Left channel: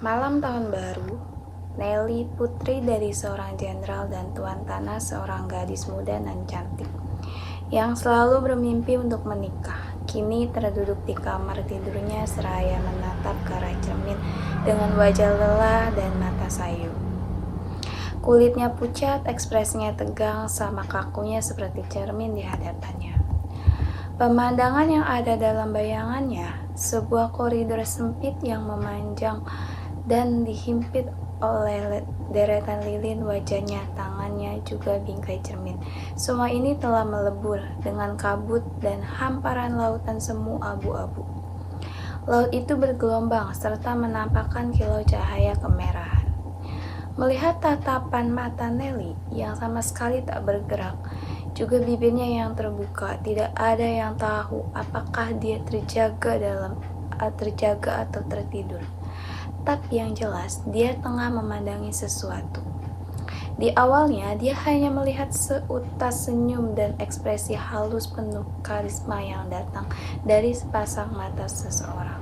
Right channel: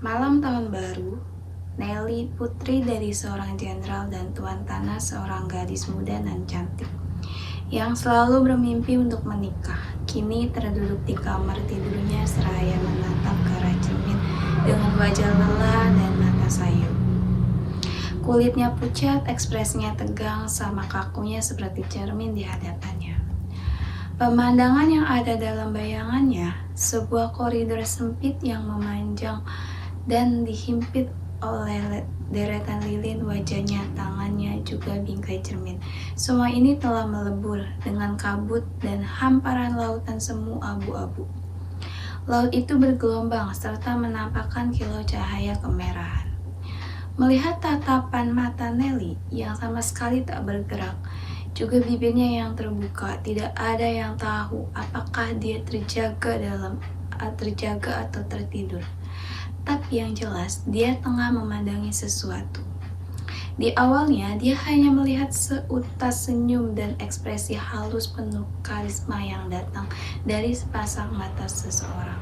Malam tahun baru, Nelly, putri dari seorang jenderal dan tuan tanah, seorang gadis muda dan cantik, yang selalu bermimpi untuk menikah, kini terduduk di kamar tidurnya seraya menatap ke arah cermin dengan wajah lelah dan mata sayu. Kulitnya pucat, ekspresinya tegang, sama kakunya seperti cermin di hadapannya. Pemandangan yang ada dalam bayangannya, sebuah koridor sempit yang memanjang dan dihimpit oleh deretan lilin, wajahnya, tangannya, juga bingkai cermin. Semua ini telah melebur dengan kabut dan hamparan lautan semu abu-abu. Laut itu bergelombang serta menampakkan kilau cahaya kemerahan. Melihat tatapan mata Nelly yang sama sekali tak bergerak, juga bibirnya yang terbuka, tidak ada yang tahu apakah dia terjaga atau tertidur. Tapi yang jelas, dia tengah memandangi sesuatu. Di awalnya, dia hanya melihat seutas senyum dan ekspresi halus penuh karisma yang datang dari sepasang mata seseorang.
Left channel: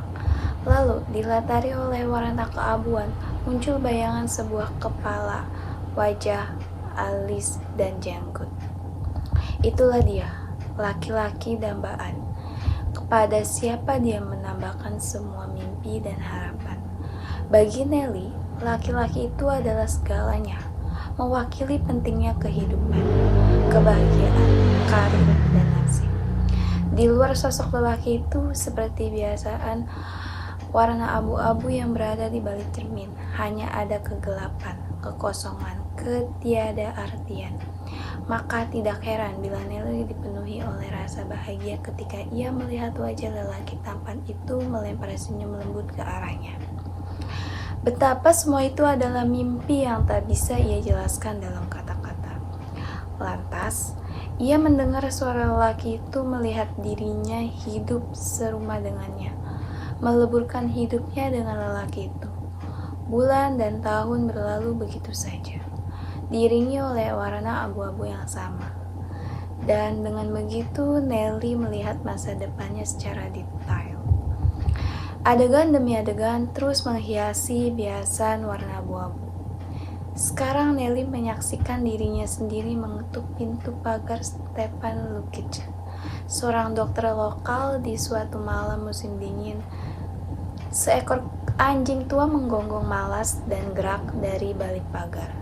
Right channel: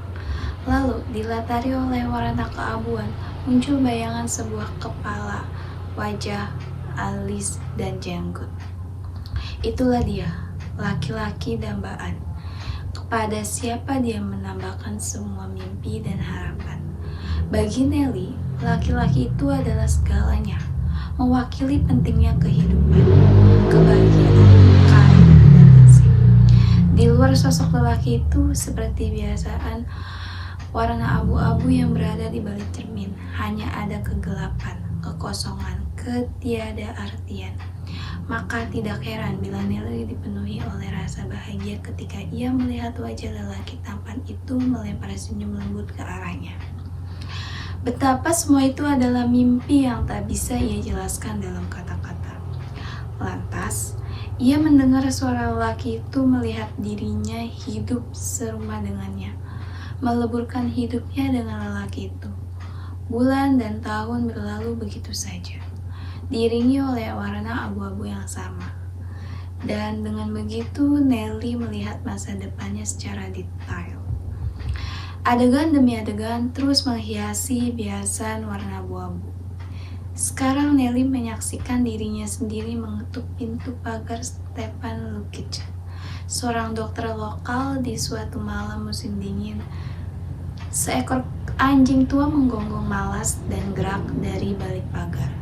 Lalu, dilatari oleh warna keabuan, muncul bayangan sebuah kepala, wajah, alis, dan jenggot. Itulah dia, laki-laki dambaan. Kepada siapa dia menambahkan semua mimpi dan harapan. Bagi Nelly, laki-laki itu adalah segalanya, mewakili pentingnya kehidupan, kebahagiaan, karir, dan nasib. Di luar sosok lelaki itu, seperti biasaan, warna abu-abu yang berada di balik cermin, hanya ada kegelapan, kekosongan, ketiada artian. Maka tidak heran bila Nelly dipenuhi oleh rasa bahagia ketika ia melihat wajah lelaki tampan itu melempar senyum lembut ke arahnya. Betapa semua itu adalah mimpi yang tak bisa ia jelaskan dalam kata-kata. Lantas, ia mendengar suara lelaki itu melihat dirinya hidup serumah dengannya, meleburkan hidupnya dengan lelaki itu. Bulan dan tahun berlalu begitu saja, diiringi oleh warna abu-abu yang sama. Dan dengan begitu, Nelly melihat masa depannya secara detail. Adegan demi adegan terus menghiasi biasan warna abu-abu. Sekarang Nelly menyaksikan dirinya sendiri mengetuk pintu pagar Stepan Lukic, seorang dokter lokal di suatu malam musim dingin. Seekor anjing tua menggonggong malas dan gerak dari balik pagar.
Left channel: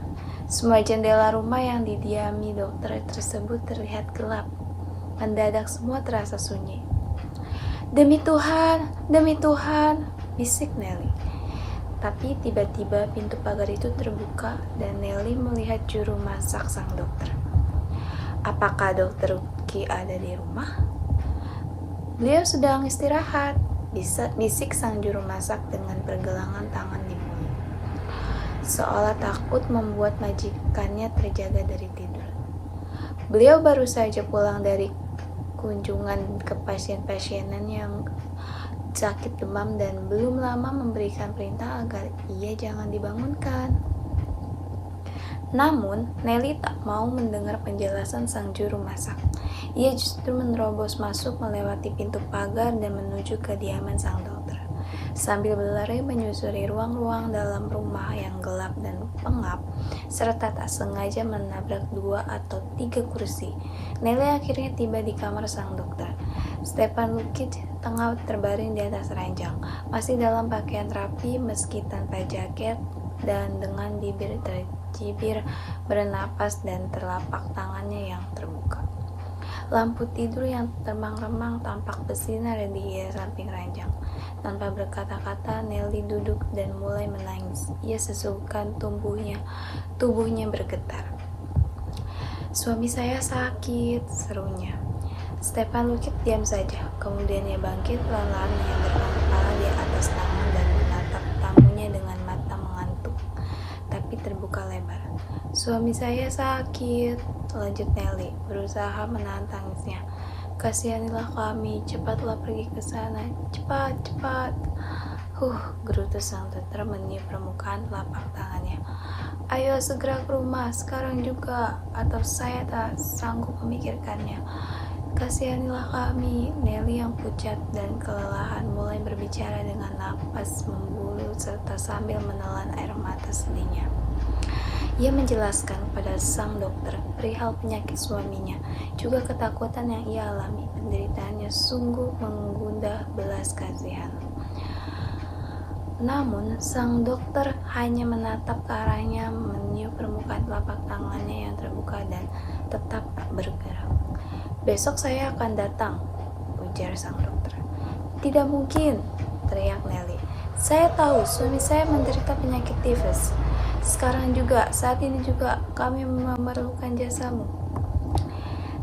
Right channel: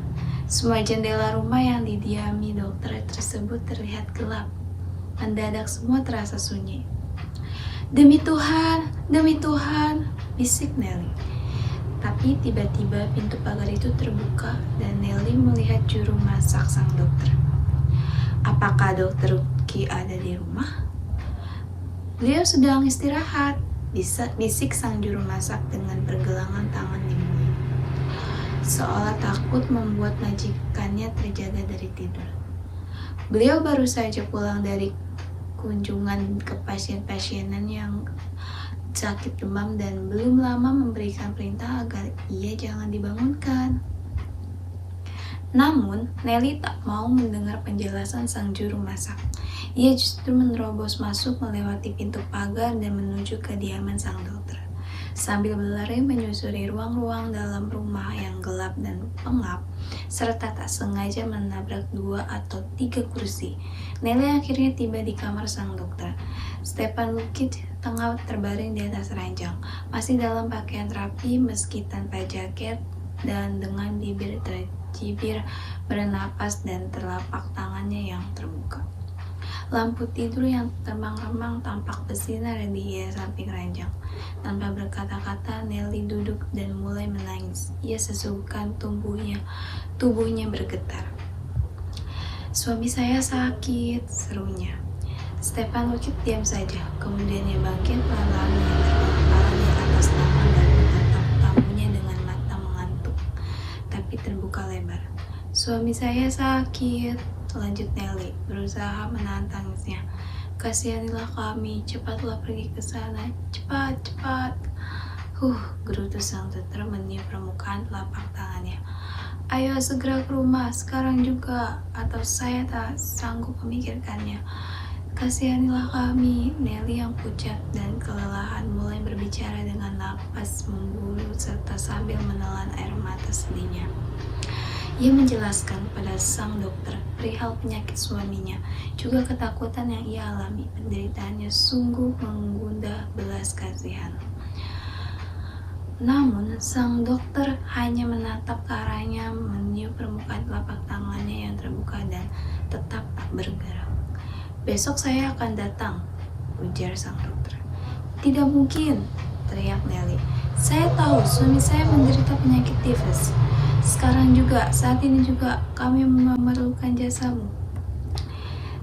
Semua jendela rumah yang didiami dokter tersebut terlihat gelap. Mendadak semua terasa sunyi. Demi Tuhan, bisik Nelly. Tapi tiba-tiba pintu pagar itu terbuka dan Nelly melihat juru masak sang dokter. Apakah dokter Ki ada di rumah? Beliau sedang istirahat, bisik sang juru masak dengan pergelangan tangan di mulut, seolah takut membuat majikannya terjaga dari tidur. Beliau baru saja pulang dari kunjungan ke pasien-pasienan yang sakit demam dan belum lama memberikan perintah agar ia jangan dibangunkan. Namun, Nelly tak mau mendengar penjelasan sang juru masak. Ia justru menerobos masuk melewati pintu pagar dan menuju kediaman sang dokter. Sambil berlari menyusuri ruang-ruang dalam rumah yang gelap dan pengap, serta tak sengaja menabrak 2 atau 3 kursi, Nelly akhirnya tiba di kamar sang dokter. Stepan Lukic tengah terbaring di atas ranjang, masih dalam pakaian rapi meski tanpa jaket dan dengan bibir tercibir bernapas dan telapak tangannya yang terbuka. Lampu tidur yang remang-remang tampak bersinar di samping ranjang. Tanpa berkata-kata, Nelly duduk dan mulai menangis. Ia sesukan tubuhnya bergetar. Suami saya sakit, serunya. Stepan Lukic diam saja. Kemudian ia bangkit pelan-pelan menyandarkan kepala di atas tangan dan menatap tamunya dengan mata mengantuk, tapi terbuka lebar. Suami saya sakit, lanjut Nelly, berusaha menahan tangisnya. Kasihanilah kami, cepatlah pergi ke sana, cepat. Gerutu sang dokter meniup permukaan telapak tangannya. Ayo segera ke rumah, sekarang juga, atau saya tak sanggup memikirkannya. Kasihanilah kami. Nelly yang pucat dan kelelahan mulai berbicara dengan napas membulu serta dokter sambil menelan air mata sedihnya. Ia menjelaskan kepada sang dokter perihal penyakit suaminya, juga ketakutan yang ia alami. Penderitaannya sungguh mengundang belas kasihan. Namun, sang dokter hanya menatap ke arahnya, meniup permukaan telapak tangannya yang terbuka dan tetap tak bergerak. "Besok saya akan datang," ujar sang dokter. "Tidak mungkin," teriak Nelly. "Saya tahu suami saya menderita penyakit tifus. Sekarang juga, saat ini juga kami memerlukan jasamu.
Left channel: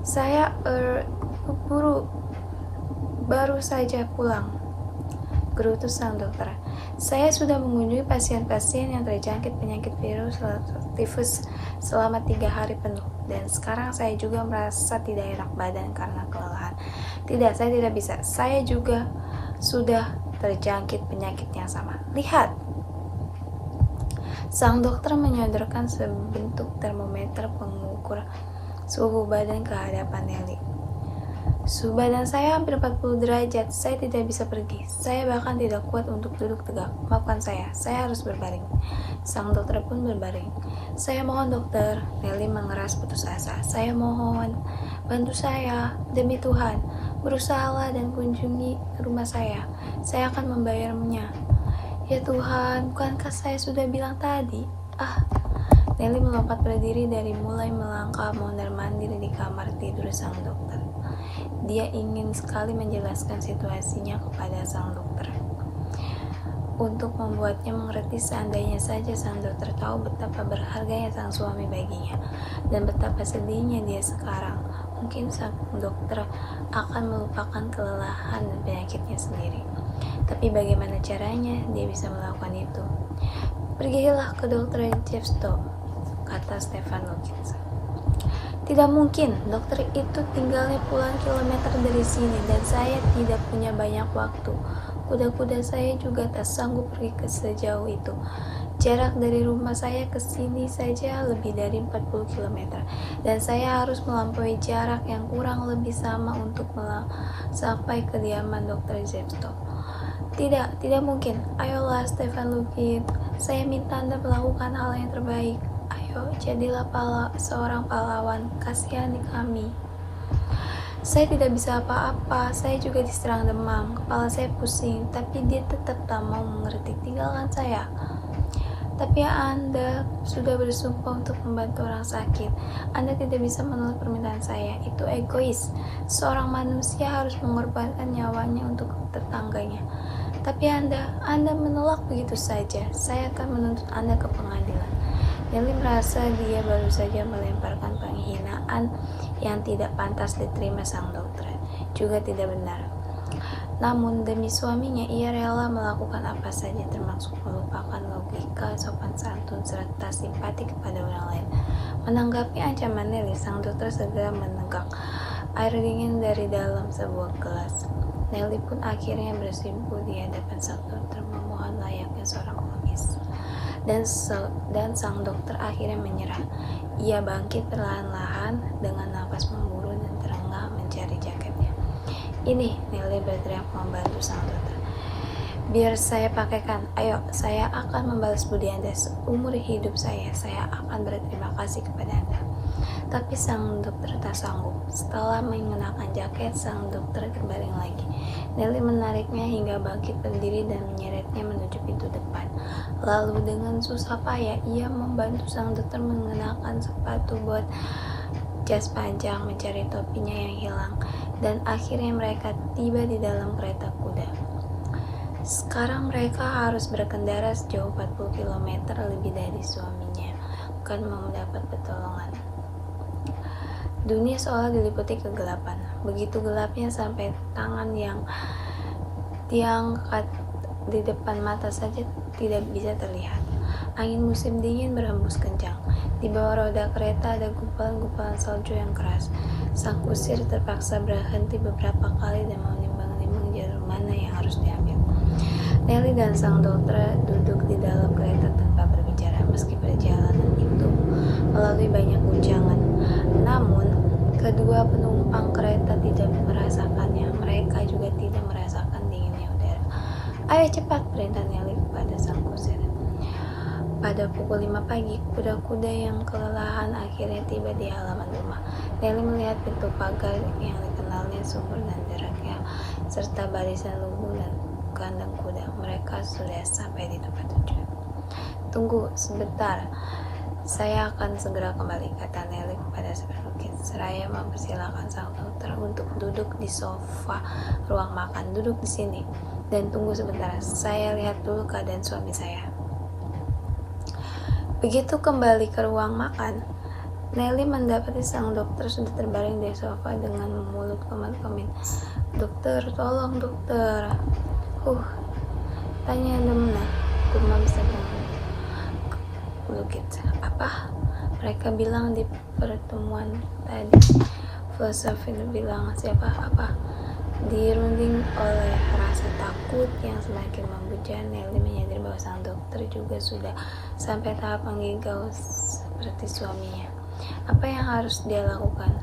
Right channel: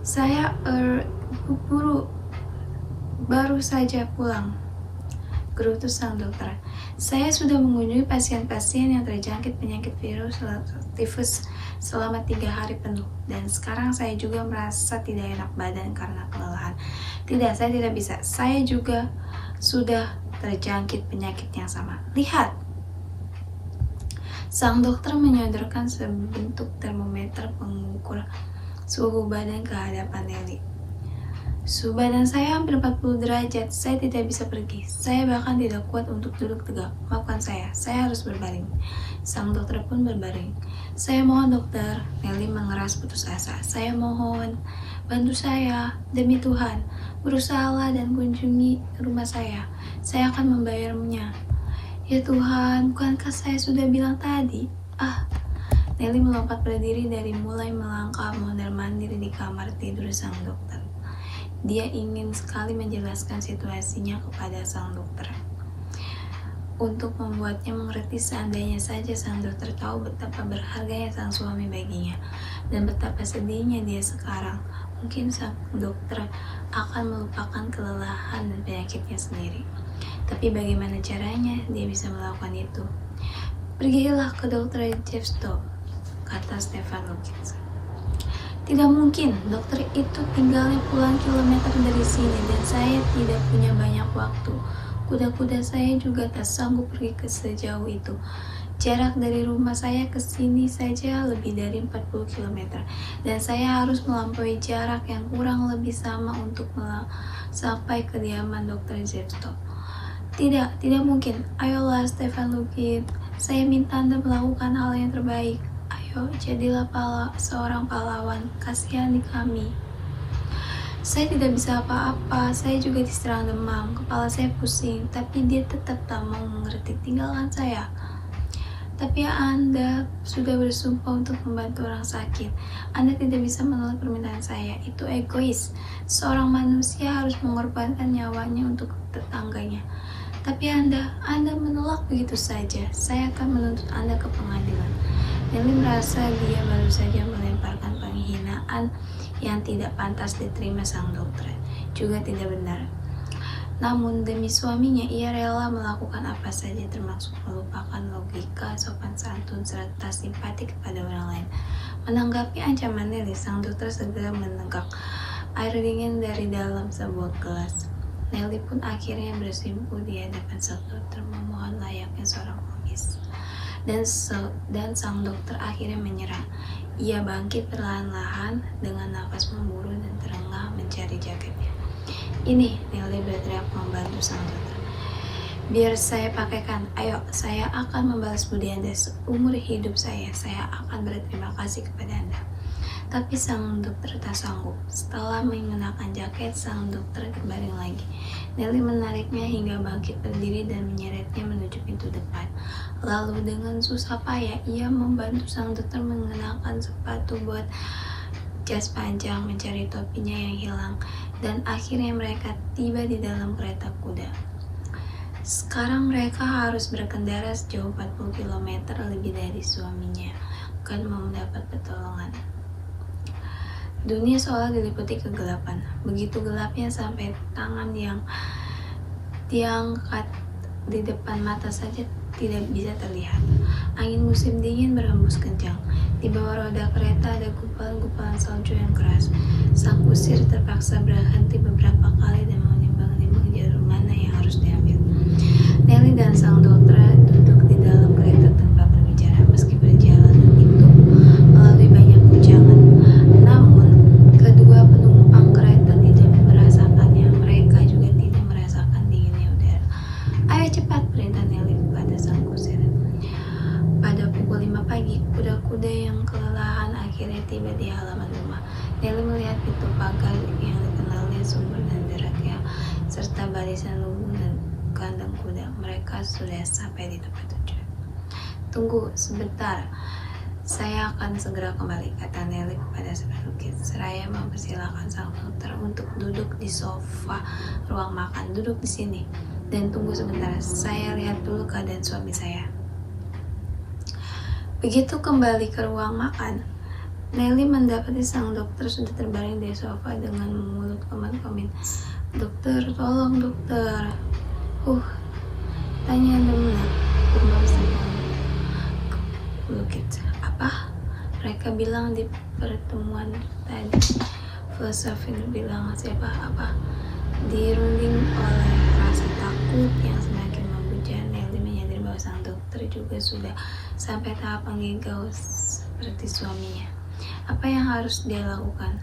Saya baru saja pulang," gerutu sang dokter. "Saya sudah mengunjungi pasien-pasien yang terjangkit penyakit virus tifus selama 3 hari penuh, dan sekarang saya juga merasa tidak enak badan karena kelelahan. Tidak, saya tidak bisa. Saya juga sudah terjangkit penyakit yang sama. Lihat!" Sang dokter menyodorkan sebentuk termometer pengukur suhu badan ke hadapan Nelly. "Suhu badan saya hampir 40 derajat. Saya tidak bisa pergi. Saya bahkan tidak kuat untuk duduk tegak. Maafkan saya harus berbaring." Sang dokter pun berbaring. "Saya mohon dokter," Nelly mengeras putus asa. "Saya mohon, bantu saya. Demi Tuhan, berusahalah dan kunjungi rumah saya. Saya akan membayarnya." "Ya Tuhan, bukankah saya sudah bilang tadi?" Nelly melompat berdiri dari mulai melangkah mondar-mandir di kamar tidur sang dokter. Dia ingin sekali menjelaskan situasinya kepada sang dokter, untuk membuatnya mengerti seandainya saja sang dokter tahu betapa berharganya sang suami baginya, dan betapa sedihnya dia sekarang. Mungkin sang dokter akan melupakan kelelahan dan penyakitnya sendiri. Tapi bagaimana caranya dia bisa melakukan itu? "Pergilah ke Dr. Jeffstow," kata Stefan Lukins. "Tidak mungkin, dokter itu tinggalnya puluhan kilometer dari sini dan saya tidak punya banyak waktu. Kuda-kuda saya juga tak sanggup pergi ke sejauh itu. Jarak dari rumah saya ke sini saja lebih dari 40 km dan saya harus melampaui jarak yang kurang lebih sama untuk sampai ke kediaman Dr. Jeffstow. Tidak mungkin. Ayolah Stefan Lukins, saya minta Anda melakukan hal yang terbaik. Ayo, jadilah seorang pahlawan, kasihani kami." "Saya tidak bisa apa-apa, saya juga diserang demam, kepala saya pusing, tapi dia tetap tak mau mengerti. Tinggalkan saya." "Tapi Anda sudah bersumpah untuk membantu orang sakit. Anda tidak bisa menolak permintaan saya. Itu egois. Seorang manusia harus mengorbankan nyawanya untuk tetangganya. Tapi Anda menolak begitu saja. Saya akan menuntut Anda ke pengadilan." Nelly merasa dia baru saja melemparkan penghinaan yang tidak pantas diterima sang dokter. Juga tidak benar. Namun demi suaminya ia rela melakukan apa saja, termasuk melupakan logika, sopan santun, serta simpati kepada orang lain. Menanggapi ancaman Nelly, sang dokter segera menegak air dingin dari dalam sebuah gelas. Nelly pun akhirnya bersimpuh di hadapan sang dokter memohon layaknya seorang pengemis. Dan sang dokter akhirnya menyerah. Ia bangkit perlahan-lahan dengan nafas memburu dan terengah mencari jaketnya. "Ini," Nelly berteriak membantu sang dokter. "Biar saya pakaikan. Ayo, saya akan membalas budi Anda seumur hidup saya. Saya akan berterima kasih kepada Anda." Tapi sang dokter tak sanggup. Setelah mengenakan jaket, sang dokter terbaring lagi. Nelly menariknya hingga bangkit berdiri dan menyeretnya menuju pintu depan. Lalu dengan susah payah ia membantu sang dokter mengenakan sepatu bot, jas panjang, mencari topinya yang hilang, dan akhirnya mereka tiba di dalam kereta kuda. Sekarang mereka harus berkendara sejauh 40 km lebih dari suaminya, bukan mau mendapat pertolongan. Dunia seolah diliputi kegelapan. Begitu gelapnya sampai tangan yang diangkat di depan mata saja tidak bisa terlihat. Angin musim dingin berhembus kencang. Di bawah roda kereta ada gumpalan-gumpalan salju yang keras. Sang kusir terpaksa berhenti beberapa kali dan menimbang-nimbang jalur mana yang harus diambil. Nelly dan sang dokter duduk di dalam kereta tanpa berbicara, meski perjalanan itu melalui banyak guncangan. Namun, kedua penumpang kereta tidak merasakannya. Mereka juga tidak merasakan dinginnya udara. "Ayo cepat," perintah Nelly kepada sang kusir. Pada pukul 5 pagi, kuda-kuda yang kelelahan akhirnya tiba di halaman rumah. Nelly melihat pintu pagar yang dikenalnya subur dan deraknya, serta barisan lumbung dan kandang kuda. Mereka sudah sampai di tempat tujuan. Tunggu sebentar, saya akan segera kembali, kata Nelly kepada Seperlukis, seraya mempersilahkan sang dokter untuk duduk di sofa ruang makan. Duduk di sini dan tunggu sebentar, saya lihat dulu keadaan suami saya. Begitu kembali ke ruang makan, Nelly mendapati sang dokter sudah terbaring di sofa dengan mulut keman-kemin. Dokter, tolong dokter. Tanya Demna, gumam sedang Lukit. Apa? Mereka bilang di pertemuan tadi. Filosofin bilang siapa? Apa? Dirunding oleh rasa takut yang semakin membuja, Nelly menyadari bahwa sang dokter juga sudah sampai tahap menggigau seperti suaminya. Apa yang harus dia lakukan?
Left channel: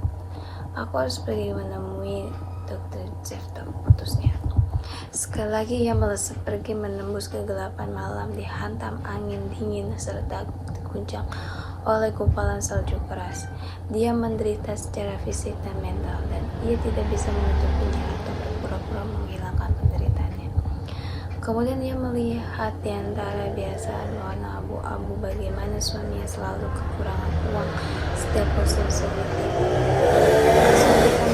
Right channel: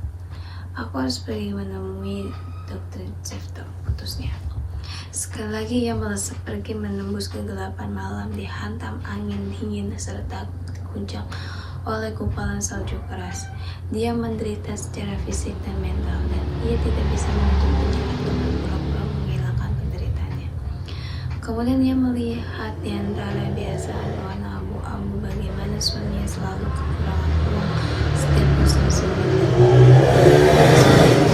Aku harus pergi menemui Dr. Jeff, putusnya. Sekali lagi ia melesat pergi menembus kegelapan malam, dihantam angin dingin serta diguncang oleh gumpalan salju keras. Dia menderita secara fisik dan mental, dan ia tidak bisa menutupinya atau berpura-pura menghilangkan penderitaannya. Kemudian ia melihat di antara biasaan warna abu-abu bagaimana suaminya selalu kekurangan uang setiap musim semi.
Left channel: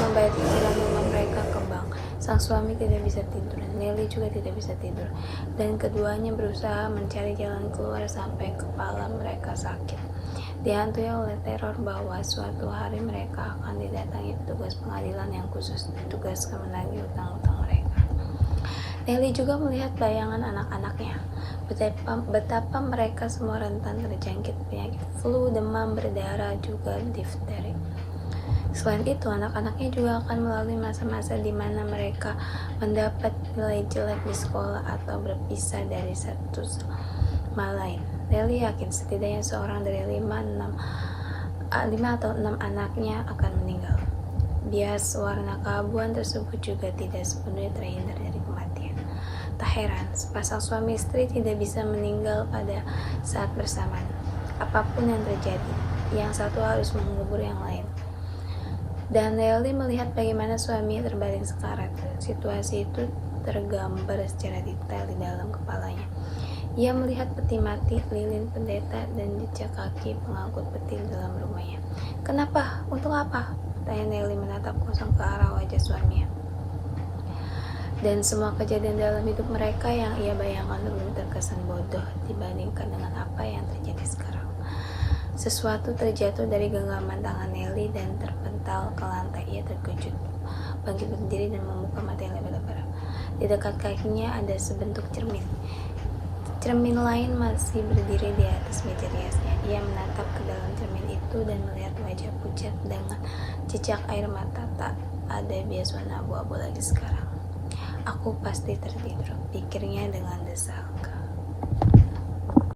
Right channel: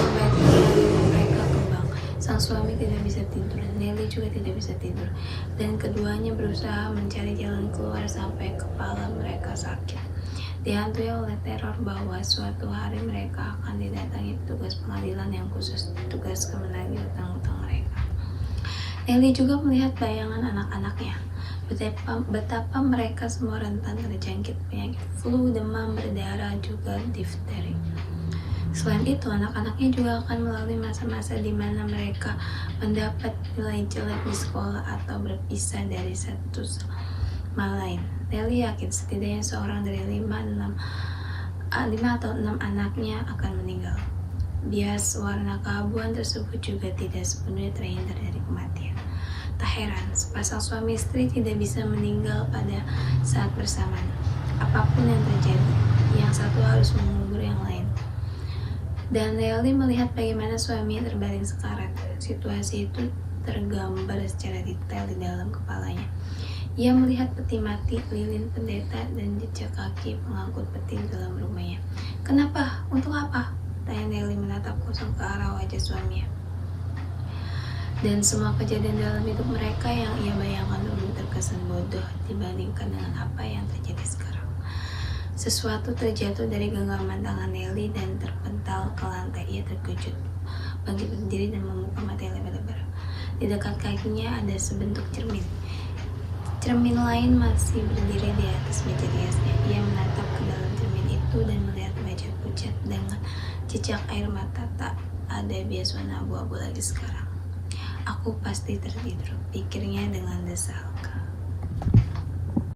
Membayar cicilan mereka ke bank. Sang suami tidak bisa tidur, Nelly juga tidak bisa tidur, dan keduanya berusaha mencari jalan keluar sampai kepala mereka sakit. Dihantui oleh teror bahwa suatu hari mereka akan didatangi petugas pengadilan yang khusus ditugaskan menagih utang-utang mereka. Nelly juga melihat bayangan anak-anaknya, betapa mereka semua rentan terjangkit penyakit flu, demam berdarah, juga difteri. Selain itu, anak-anaknya juga akan melalui masa-masa di mana mereka mendapat nilai jelek di sekolah atau berpisah dari satu sama lain. Nelly yakin setidaknya seorang dari 5 atau 6 anaknya akan meninggal. Bias warna keabuan tersebut juga tidak sepenuhnya terhindar dari kematian. Tak heran, sepasang suami istri tidak bisa meninggal pada saat bersamaan. Apapun yang terjadi, yang satu harus mengubur yang lain. Dan Nelly melihat bagaimana suaminya terbaring sekarat. Situasi itu tergambar secara detail di dalam kepalanya. Ia melihat peti mati, lilin pendeta, dan jejak kaki pengangkut peti dalam rumahnya. Kenapa? Untuk apa? Tanya Nelly menatap kosong ke arah wajah suaminya. Dan semua kejadian dalam hidup mereka yang ia bayangkan dulu terkesan bodoh dibandingkan dengan apa yang terjadi sekarang. Sesuatu terjatuh dari genggaman tangan Nelly dan terpental ke lantai. Ia terkejut, bangkit berdiri dan membuka mata yang lebar-lebar. Di dekat kakinya ada sebentuk cermin. Cermin lain masih berdiri di atas meja riasnya. Ia menatap ke dalam cermin itu dan melihat wajah pucat dengan jejak air mata. Tak ada bias warna abu-abu lagi sekarang. Aku pasti tertidur, pikirnya dengan desal.